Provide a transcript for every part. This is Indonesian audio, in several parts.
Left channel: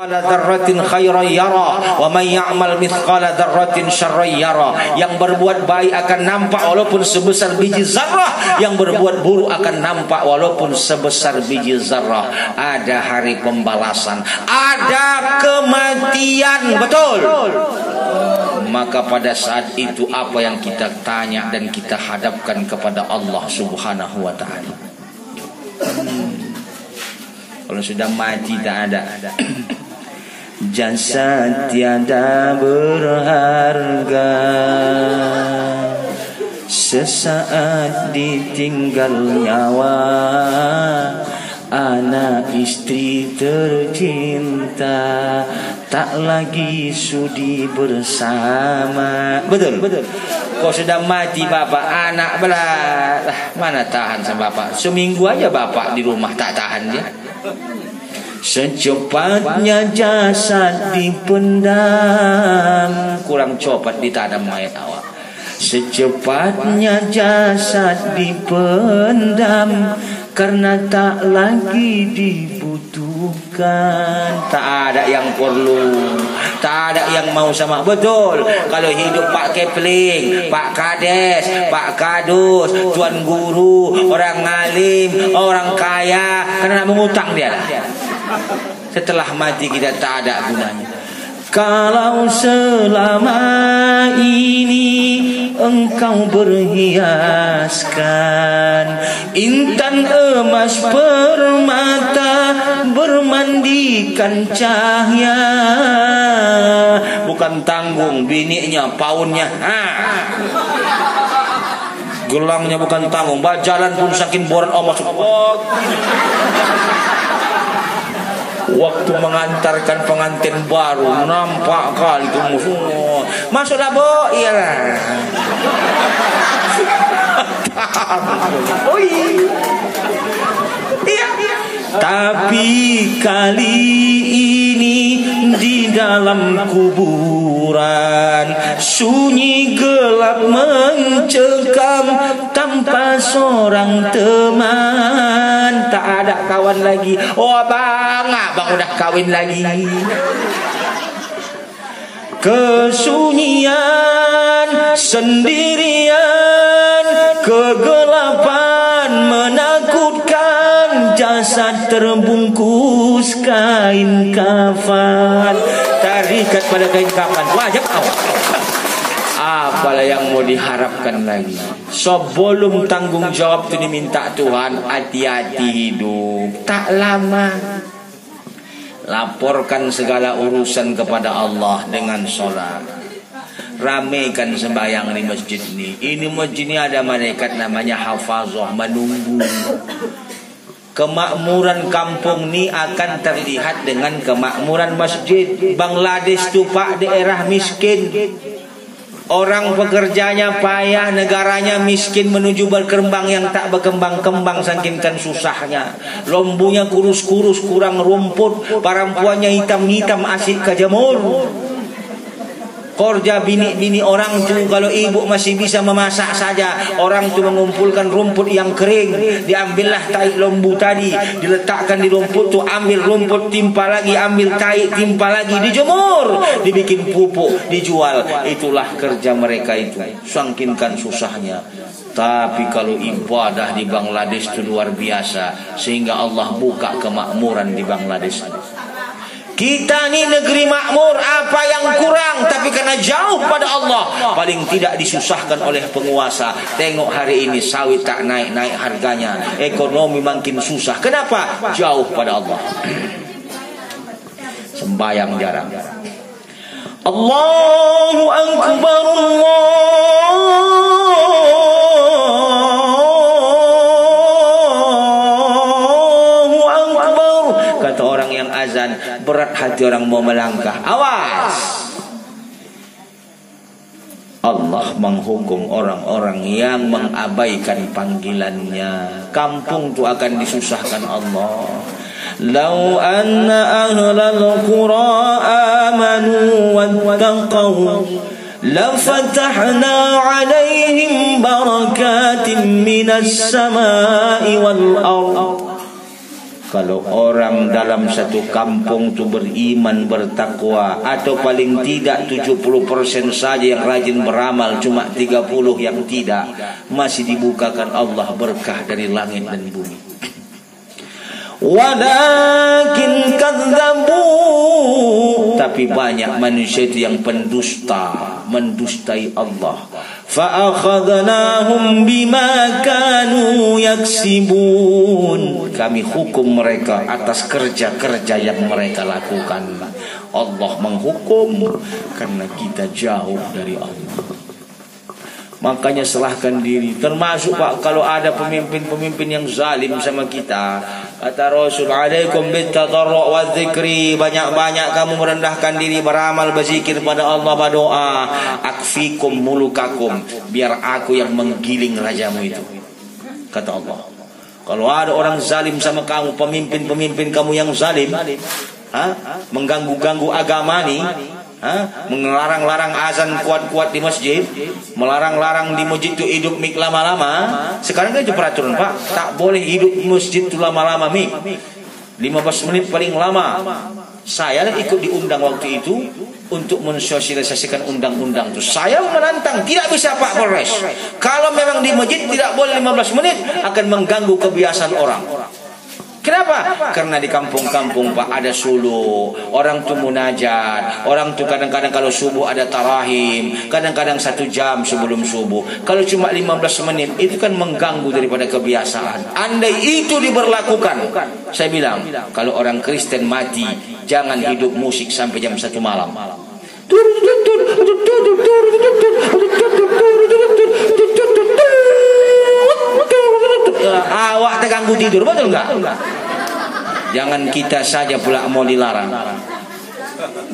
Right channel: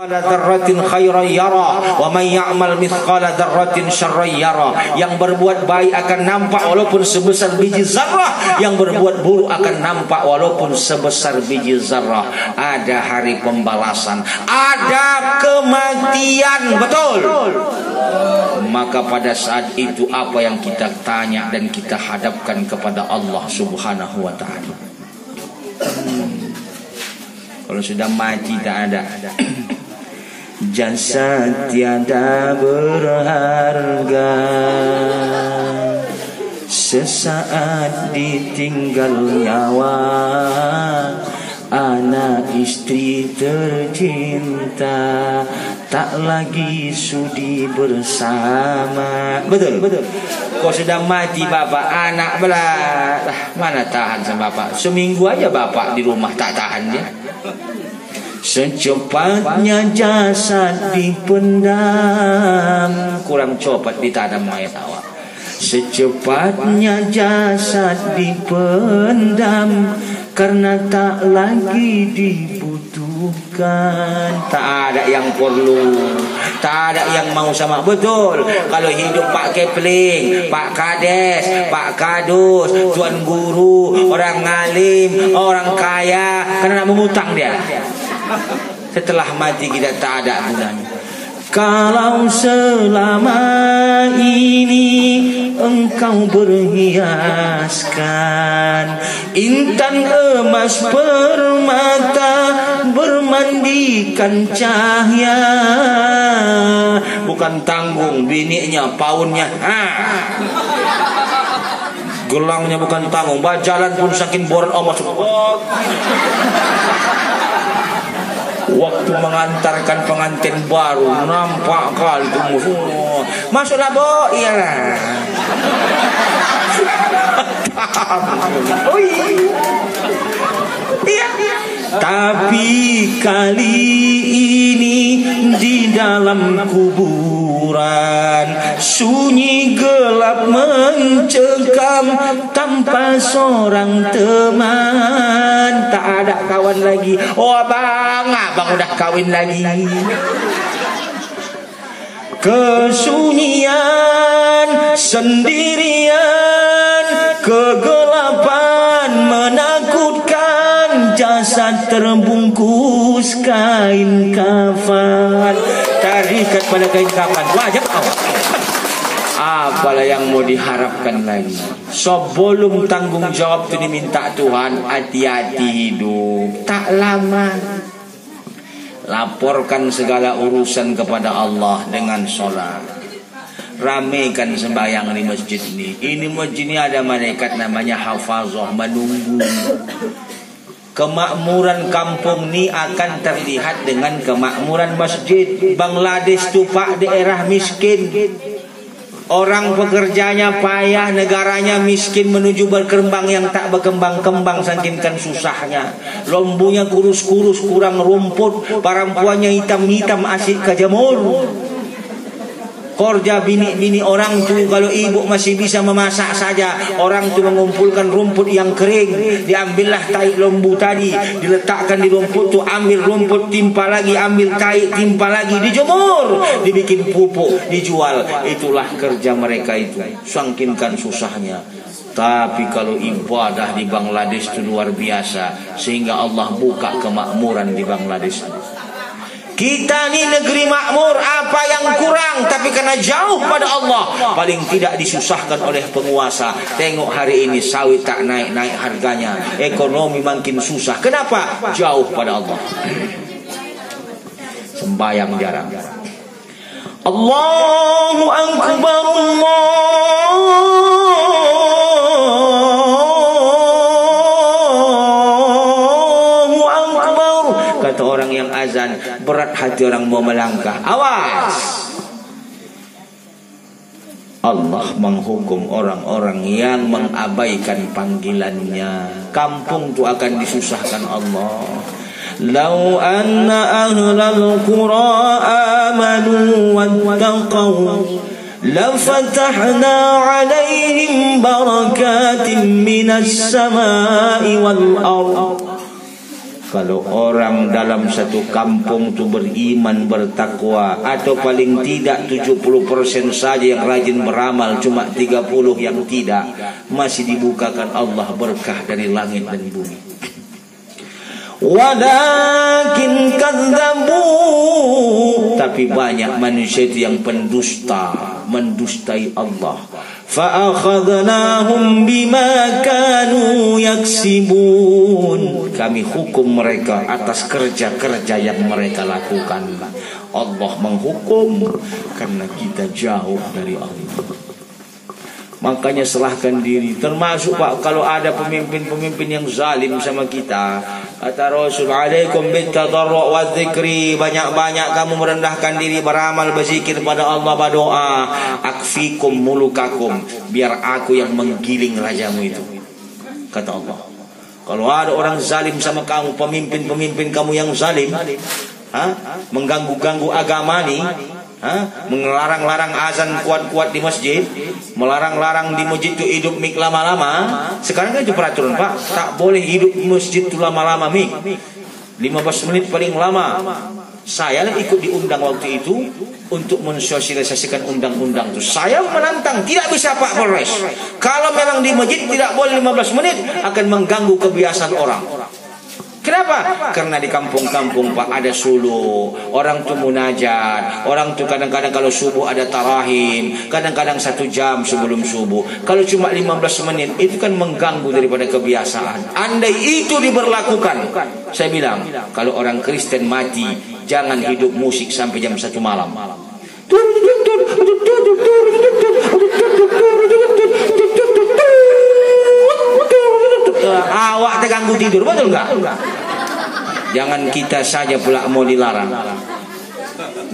dzarratin khairan yara wa may ya'mal mithqala dzarratin syarran yara. Yang berbuat baik akan nampak walaupun sebesar biji zarrah, yang berbuat buruk akan nampak walaupun sebesar biji zarrah. Ada hari pembalasan, ada kematian, betul. Maka pada saat itu apa yang kita tanya dan kita hadapkan kepada Allah Subhanahu wa taala. Kalau sudah mati tak ada. Jasad tiada berharga, sesaat ditinggal nyawa, anak istri tercinta tak lagi sudi bersama. Betul, betul. Kau sudah mati bapak, anak belah mana tahan sama bapak. Seminggu aja bapak di rumah tak tahan dia. Secepatnya jasad dipendam, kurang cepat ditanam mayat awak. Secepatnya jasad dipendam, karena tak lagi dibutuhkan. Tak ada yang perlu, tak ada yang mau sama. Betul. Kalau hidup Pak Kepling, Pak Kades, Pak Kadus, Tuan Guru, orang ngalim, orang kaya, karena mengutang dia lah. Setelah mati kita tak ada gunanya. Kalau selama ini engkau berhiaskan intan emas permata, bermandikan cahaya, bukan tanggung bininya, paunnya, gelangnya bukan tanggung, jalan pun saking borat Allah. Waktu mengantarkan pengantin baru, nampak kali itu musuh. Masuklah bu, iya. Tapi kali ini di dalam kuburan, sunyi gelap mencekam tanpa seorang teman. Tak ada kawan lagi. Oh abang udah kawin lagi. Kesunyian, sendirian, kegelapan menakutkan, jasad terbungkus kain kafan. Terikat pada kain kafan, wajib awak. Apalah yang mau diharapkan lagi? Sebelum tanggung jawab itu diminta Tuhan, hati-hati hidup, tak lama. Laporkan segala urusan kepada Allah dengan sholat. Ramaikan sembahyang di masjid ini. Ini masjid ini ada malaikat namanya hafazah menunggu. Kemakmuran kampung ini akan terlihat dengan kemakmuran masjid. Bangladesh itu pak daerah miskin. Orang pekerjanya payah, negaranya miskin menuju berkembang yang tak berkembang-kembang saking susahnya. Lombunya kurus-kurus, kurang rumput, perempuannya hitam-hitam asik kejamur. Kerja bini-bini orang tu, kalau ibu masih bisa memasak saja, orang tu mengumpulkan rumput yang kering, diambillah tai lembu tadi, diletakkan di rumput tu, ambil rumput timpa lagi, ambil tai timpa lagi, dijemur, dibikin pupuk, dijual. Itulah kerja mereka itu, sangkinkan susahnya. Tapi kalau ibadah di Bangladesh itu luar biasa, sehingga Allah buka kemakmuran di Bangladesh. Kita ni negeri makmur, apa yang kurang? Tapi karena jauh pada Allah, paling tidak disusahkan oleh penguasa. Tengok hari ini sawit tak naik-naik harganya, ekonomi makin susah. Kenapa? Jauh pada Allah. Sembahyang jarang. Allahu Akbar, Allahu Akbar. Kata orang yang azan, berat hati orang mau melangkah. Awas. Allah menghukum orang-orang yang mengabaikan panggilannya. Kampung itu akan disusahkan Allah. Lau anna ahlal qura amanu wattaqaw lafatahna alaihim barakatin minas samai wal ardh. Kalau orang dalam satu kampung tu beriman, bertakwa, atau paling tidak 70% saja yang rajin beramal, cuma 30 yang tidak, masih dibukakan Allah berkah dari langit dan bumi. Walakin kadzabu, tapi banyak manusia itu yang pendusta, mendustai Allah. Fa'akhadnahum bima kanu yaksibun, kami hukum mereka atas kerja-kerja yang mereka lakukan. Allah menghukum karena kita jauh dari Allah. Makanya serahkan diri. Termasuk Pak, kalau ada pemimpin-pemimpin yang zalim sama kita, kata Rasul, alaikum bitadarru' wa dzikri, banyak-banyak kamu merendahkan diri, beramal, berzikir pada Allah, berdoa. Akfikum mulukakum, biar aku yang menggiling rajamu itu, kata Allah. Kalau ada orang zalim sama kamu, pemimpin-pemimpin kamu yang zalim, mengganggu-ganggu agama nih, melarang-larang azan kuat-kuat di masjid, melarang-larang di masjid itu hidup mik lama-lama. Sekarang kan itu peraturan Pak, tak boleh hidup di masjid itu lama-lama mik, 15 menit paling lama. Saya ikut diundang waktu itu untuk mensosialisasikan undang-undang itu. Saya menantang, tidak bisa Pak Polres, kalau memang di masjid tidak boleh 15 menit, akan mengganggu kebiasaan orang. Kenapa? Karena di kampung-kampung Pak ada suluh, orang tuh munajat, orang tuh kadang-kadang kalau subuh ada tarahim, kadang-kadang 1 jam sebelum subuh. Kalau cuma 15 menit itu kan mengganggu daripada kebiasaan. Andai itu diberlakukan, saya bilang kalau orang Kristen mati, jangan hidup musik sampai jam 1 malam. Awak terganggu tidur, betul enggak? Jangan kita saja pula mau dilarang.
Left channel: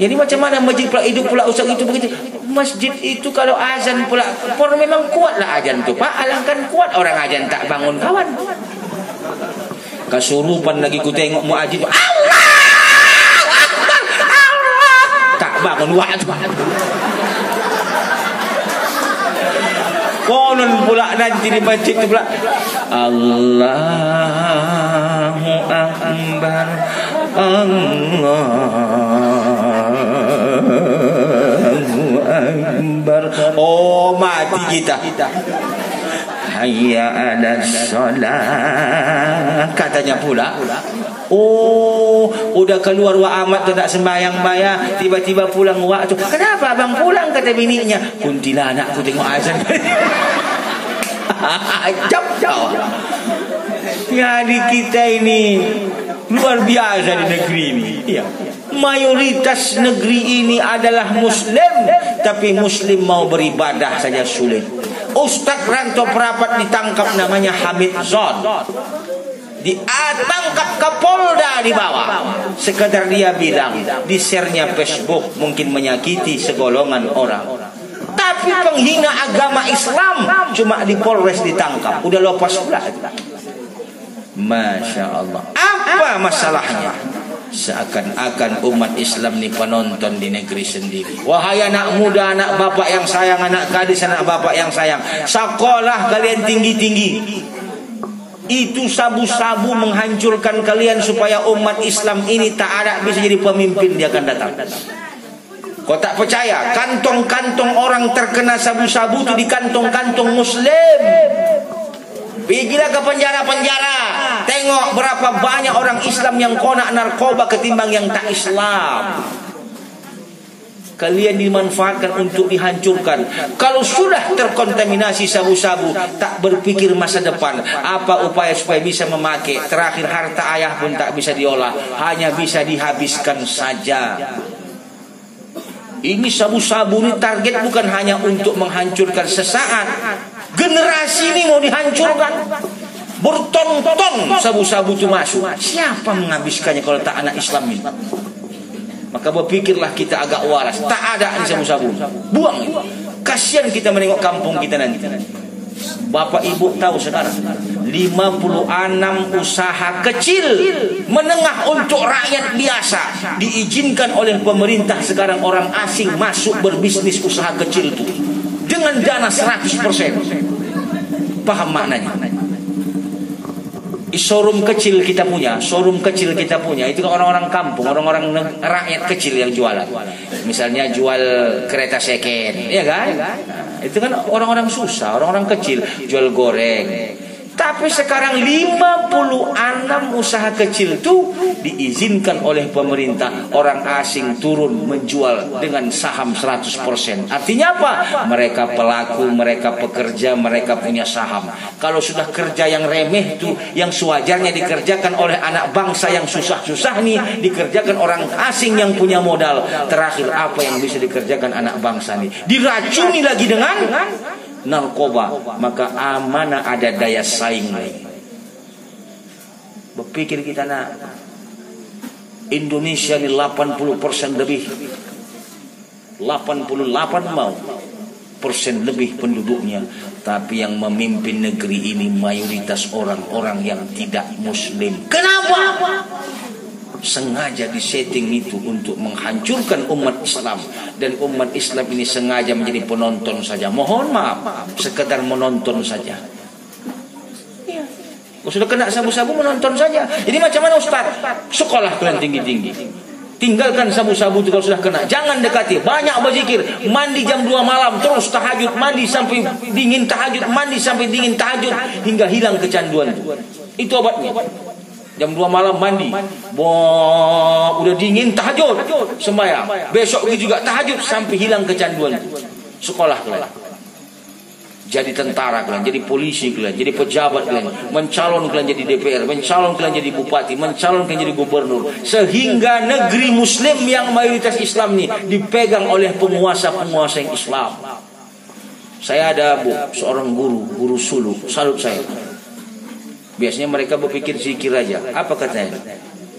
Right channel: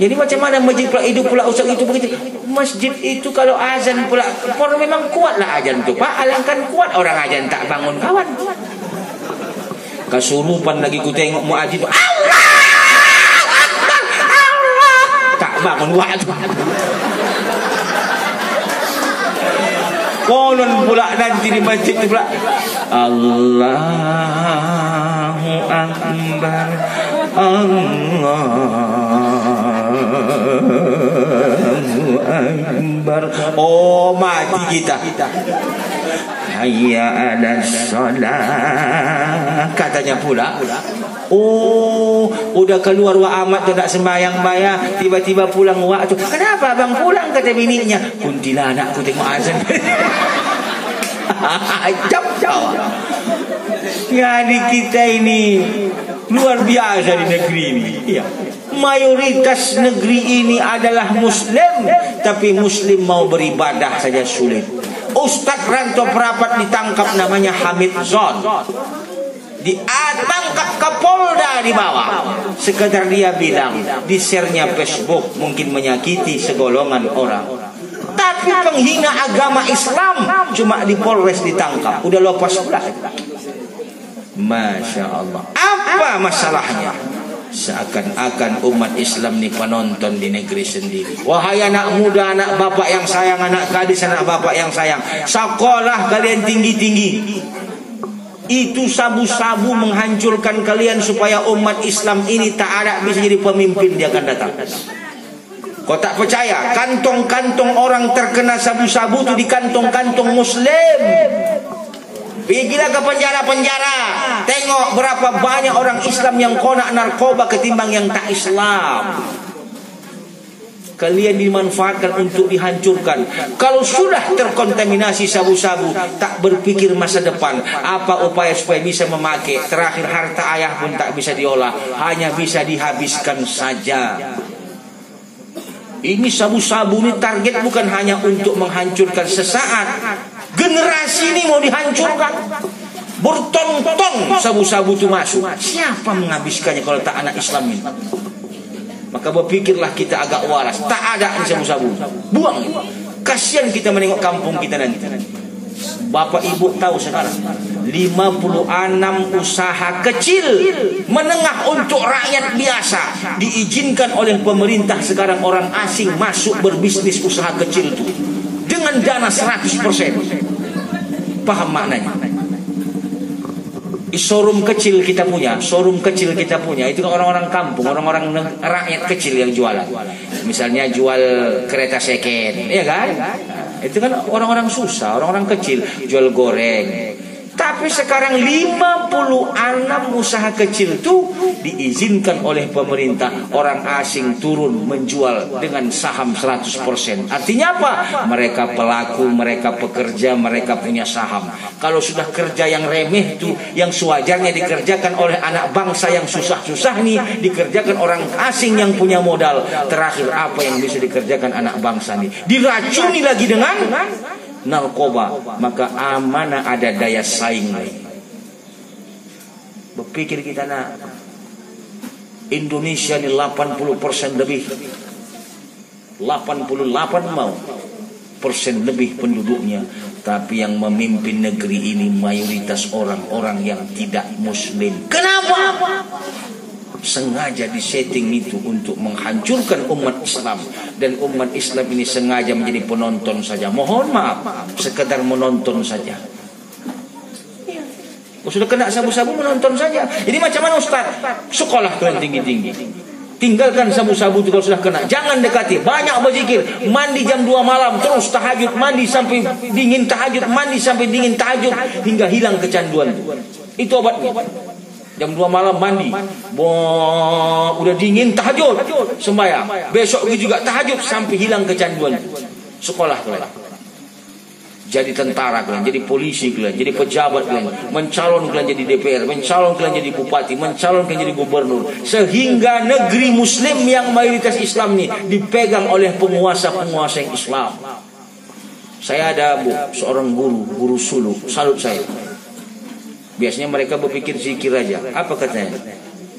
Jadi macam mana masjid pula hidup pula ustaz itu begitu. Masjid itu kalau azan pula, memang kuatlah azan tu Pak. Alangkan kuat orang azan tak bangun kawan. Kesurupan lagi ku tengok muadzin tu, Allah Akbar, Allah, tak bangun waktu. Konon pula nanti di masjid itu pula, Allahu Akbar, Allahu Akbar. Oh, mati kita. Hayya 'alas shalah, katanya pula. Oh, udah keluar wa amat tidak sembahyang bayar, tiba-tiba pulang waktu. Kenapa abang pulang, kata bininya? Kuntilanak aku tengok azan. Jauh. Jadi kita ini luar biasa di negeri ini. Iya. Mayoritas negeri ini adalah Muslim, tapi Muslim mau beribadah saja sulit. Ustadz Ranto Prapat ditangkap, namanya Hamid Zon, ditangkap Kapolda di bawah. Sekedar dia bilang di share-nya Facebook, mungkin menyakiti segolongan orang, tapi penghina agama Islam cuma di Polres ditangkap, udah lepas pula. Masya Allah. Apa masalahnya? Seakan-akan umat Islam ni penonton di negeri sendiri. Wahai anak muda, anak bapak yang sayang, anak gadis, anak bapak yang sayang, sekolah kalian tinggi-tinggi. Itu sabu-sabu menghancurkan kalian supaya umat Islam ini tak ada bisa jadi pemimpin dia akan datang. Kau tak percaya? Kantong-kantong orang terkena sabu-sabu itu di kantong-kantong Muslim. Pergilah ke penjara-penjara, tengok berapa banyak orang Islam yang konak narkoba ketimbang yang tak Islam. Kalian dimanfaatkan untuk dihancurkan. Kalau sudah terkontaminasi sabu-sabu, tak berpikir masa depan, apa upaya supaya bisa memakai. Terakhir harta ayah pun tak bisa diolah, hanya bisa dihabiskan saja. Ini sabu-sabu ini target bukan hanya untuk menghancurkan sesaat. Generasi ini mau dihancurkan. Berton-ton sabu-sabu itu masuk. Siapa menghabiskannya kalau tak anak Islam ini? Maka berpikirlah kita agak waras. Tak ada ini sabu-sabu, buang. Kasihan kita menengok kampung kita nanti. Bapak ibu tahu sekarang 56 usaha kecil menengah untuk rakyat biasa diizinkan oleh pemerintah sekarang orang asing masuk berbisnis usaha kecil itu dengan dana 100%. Paham maknanya? showroom kecil kita punya, itu orang-orang kampung, orang-orang rakyat kecil yang jualan. Misalnya jual kereta second, ya kan? Itu kan orang-orang susah, orang-orang kecil jual goreng. Tapi sekarang 56 usaha kecil itu diizinkan oleh pemerintah orang asing turun menjual dengan saham 100%. Artinya apa? Mereka pelaku, mereka pekerja, mereka punya saham. Kalau sudah kerja yang remeh itu, yang sewajarnya dikerjakan oleh anak bangsa yang susah-susah nih, dikerjakan orang asing yang punya modal. Terakhir apa yang bisa dikerjakan anak bangsa nih? Diracuni lagi dengan narkoba, maka mana ada daya saing lagi. Berpikir kita nak, Indonesia ini 80% lebih, 88% lebih penduduknya, tapi yang memimpin negeri ini mayoritas orang-orang yang tidak muslim. Kenapa? Sengaja disetting itu untuk menghancurkan umat Islam, dan umat Islam ini sengaja menjadi penonton saja. Mohon maaf, sekedar menonton saja. Sudah kena sabu-sabu menonton saja. Jadi macam mana Ustaz? Sekolah kalian tinggi-tinggi, tinggalkan sabu-sabu itu kalau sudah kena. Jangan dekati. Banyak berzikir. Mandi jam 2 malam terus tahajud, mandi sampai dingin tahajud, mandi sampai dingin tahajud hingga hilang kecanduan itu. Itu obatnya. Jam 2 malam mandi, udah dingin tahajud, sembahyang. Besok juga tahajud sampai hilang kecanduan. Sekolah kalian, jadi tentara kalian, jadi polisi kalian, jadi pejabat kalian, mencalon kalian jadi DPR, mencalon kalian jadi bupati, mencalon kalian jadi gubernur, sehingga negeri Muslim yang mayoritas Islam ini dipegang oleh penguasa-penguasa yang Islam. Saya ada seorang guru suluk, salut saya. Biasanya mereka berpikir zikir aja. Apa katanya?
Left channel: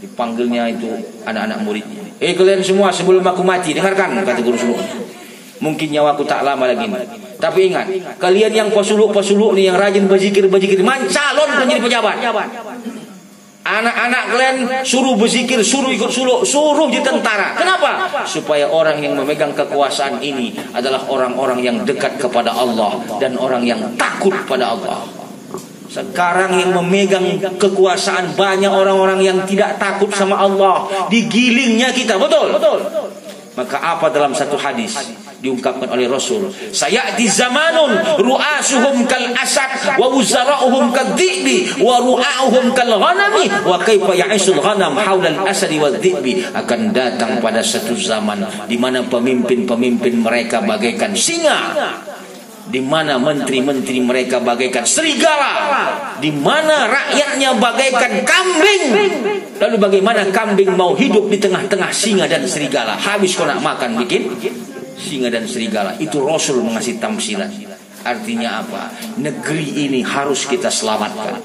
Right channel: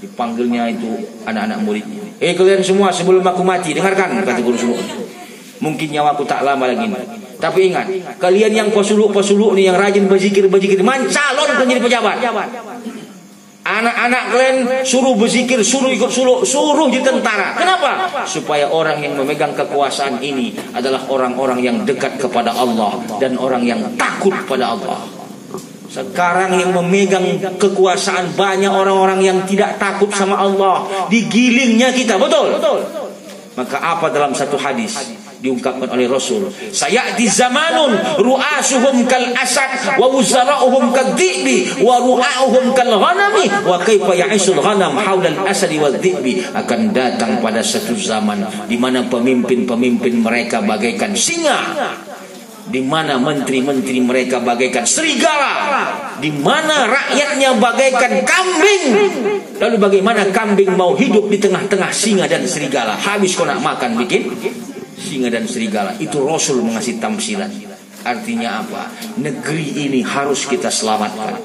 Dipanggilnya itu anak-anak muridnya. Kalian semua sebelum aku mati, dengarkan, kata guru suluk. Mungkin nyawaku tak lama lagi. Tapi ingat, kalian yang pesuluk nih, yang rajin berzikir, mencalon menjadi pejabat. Anak-anak kalian suruh berzikir, suruh ikut suluk, suruh di tentara. Kenapa? Supaya orang yang memegang kekuasaan ini adalah orang-orang yang dekat kepada Allah dan orang yang takut pada Allah. Sekarang yang memegang kekuasaan banyak orang-orang yang tidak takut sama Allah. Digilingnya kita, betul? Maka apa dalam satu hadis diungkapkan oleh Rasul, sayati zamanun ru'asuhum kal asad wa wuzara'uhum kadhibi wa ru'auhum kal ghanami wa kaifa ya'isul ghanam haulal asadi wa dhibi. Akan datang pada satu zaman di mana pemimpin-pemimpin mereka bagaikan singa, di mana menteri-menteri mereka bagaikan serigala, di mana rakyatnya bagaikan kambing. Lalu bagaimana kambing mau hidup di tengah-tengah singa dan serigala? Habis kau nak makan bikin singa dan serigala. Itu Rasul mengasih tamsilan. Artinya apa? Negeri ini harus kita selamatkan.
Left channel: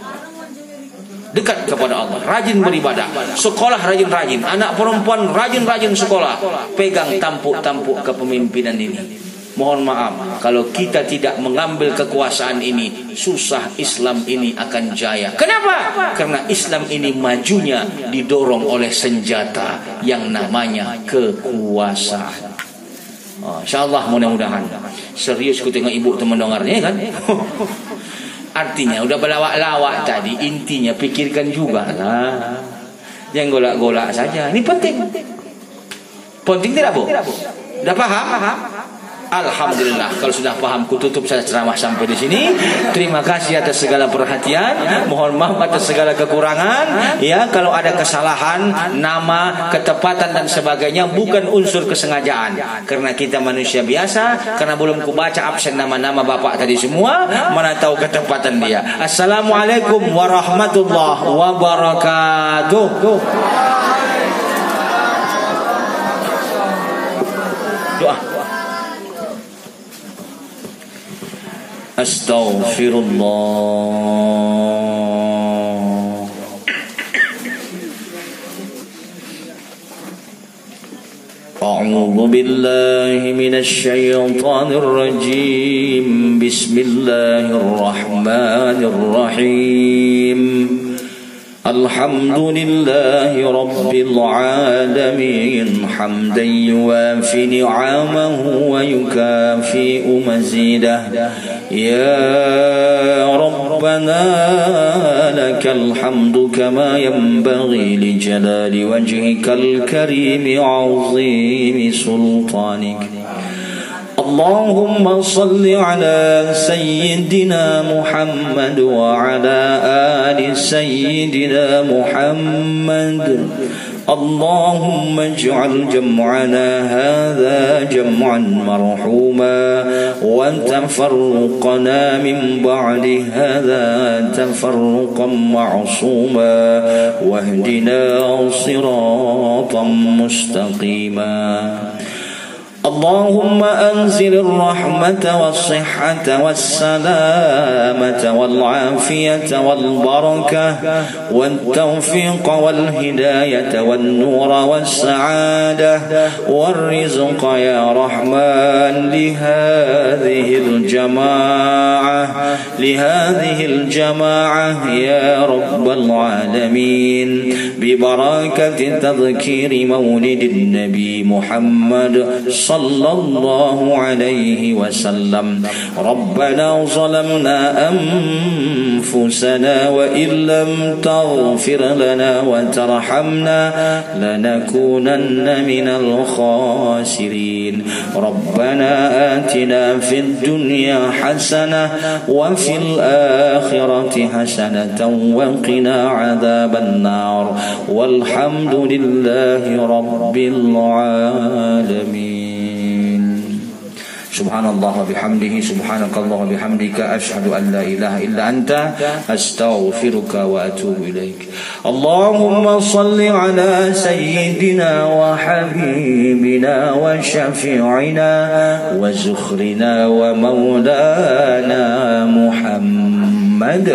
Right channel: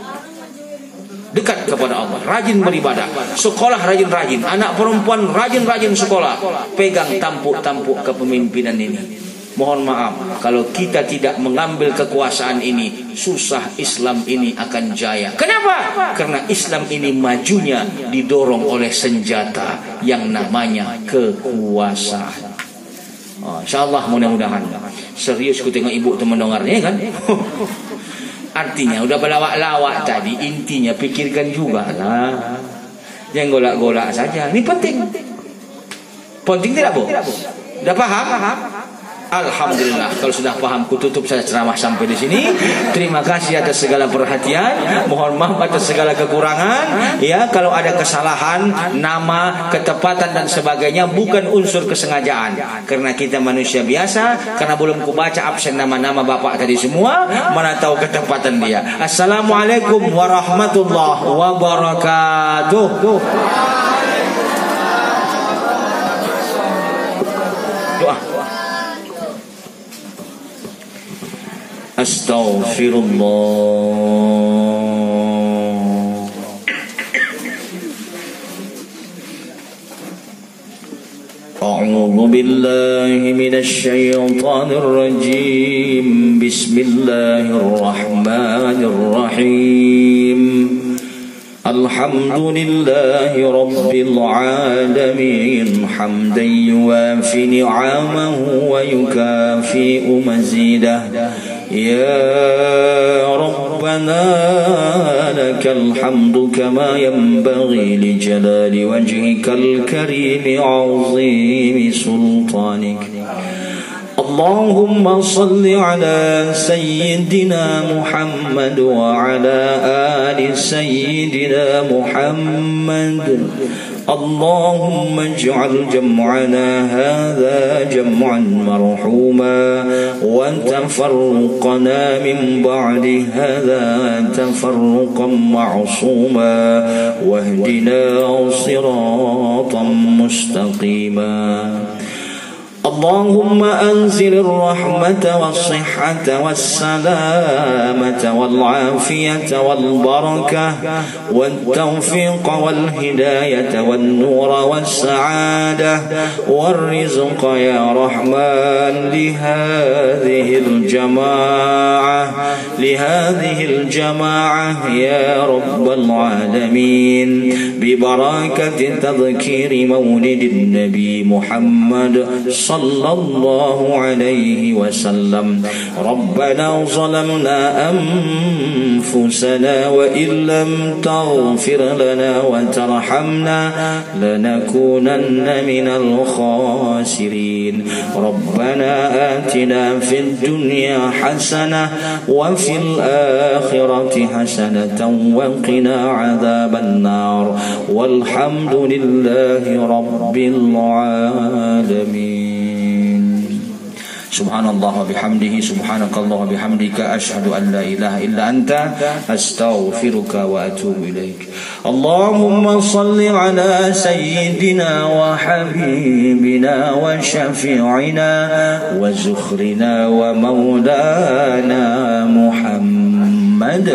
Dekat kepada Allah, rajin beribadah, sekolah rajin-rajin, anak perempuan rajin-rajin sekolah, pegang tampuk-tampuk kepemimpinan ini. Mohon maaf, kalau kita tidak mengambil kekuasaan ini, susah Islam ini akan jaya. Kenapa? Karena Islam ini majunya didorong oleh senjata yang namanya kekuasaan. InsyaAllah mudah-mudahan. Serius ku tengok ibu teman dengarnya kan. Artinya udah berlawak-lawak tadi, intinya pikirkan juga lah. Yang golak-golak saja. Ini penting. Penting tidak Bu? Udah paham? Alhamdulillah, kalau sudah paham, kututup saya ceramah sampai di sini. Terima kasih atas segala perhatian. Mohon maaf atas segala kekurangan. Ya, kalau ada kesalahan, nama, ketepatan dan sebagainya bukan unsur kesengajaan. Karena kita manusia biasa. Karena belum kubaca absen nama-nama bapak tadi semua, mana tahu ketepatan dia. Assalamualaikum warahmatullahi wabarakatuh. Doa. Astaghfirullah. A'udzu billahi minasy syaithanir rajim. Bismillahirrahmanirrahim. Alhamdulillahi rabbil alamin, hamdan yuwafi ni'amahu wa yukafi'u mazidah. يا ربنا لك الحمد كما ينبغي لجلال وجهك الكريم عظيم سلطانك. اللهم صل على سيدنا محمد وعلى آل سيدنا محمد. اللهم اجعل جمعنا هذا جمعا مرحوما وتفرقنا من بعد هذا تفرقا معصوما واهدنا صراطا مستقيما. اللهم أنزل الرحمة والصحة والسلامة والعافية والبركة والتوفيق والهداية والنور والسعادة والرزق يا رحمن لهذه الجماعة يا رب العالمين ببركة تذكير مولد النبي محمد صلى الله عليه وسلم. ربنا ظلمنا أنفسنا وإن لم تغفر لنا وترحمنا لنكونن من الخاسرين. ربنا آتنا في الدنيا حسنة وفي الآخرة حسنة وقنا عذاب النار والحمد لله رب العالمين. Subhanallah wa bihamdihi, subhanakallah wa bihamdika, asyhadu an la ilaha illa anta, astaghfiruka wa atubu ilaik. Allahumma salli ala sayyidina wa habibina wa syafi'ina wa zukhrina wa maulana Muhammad.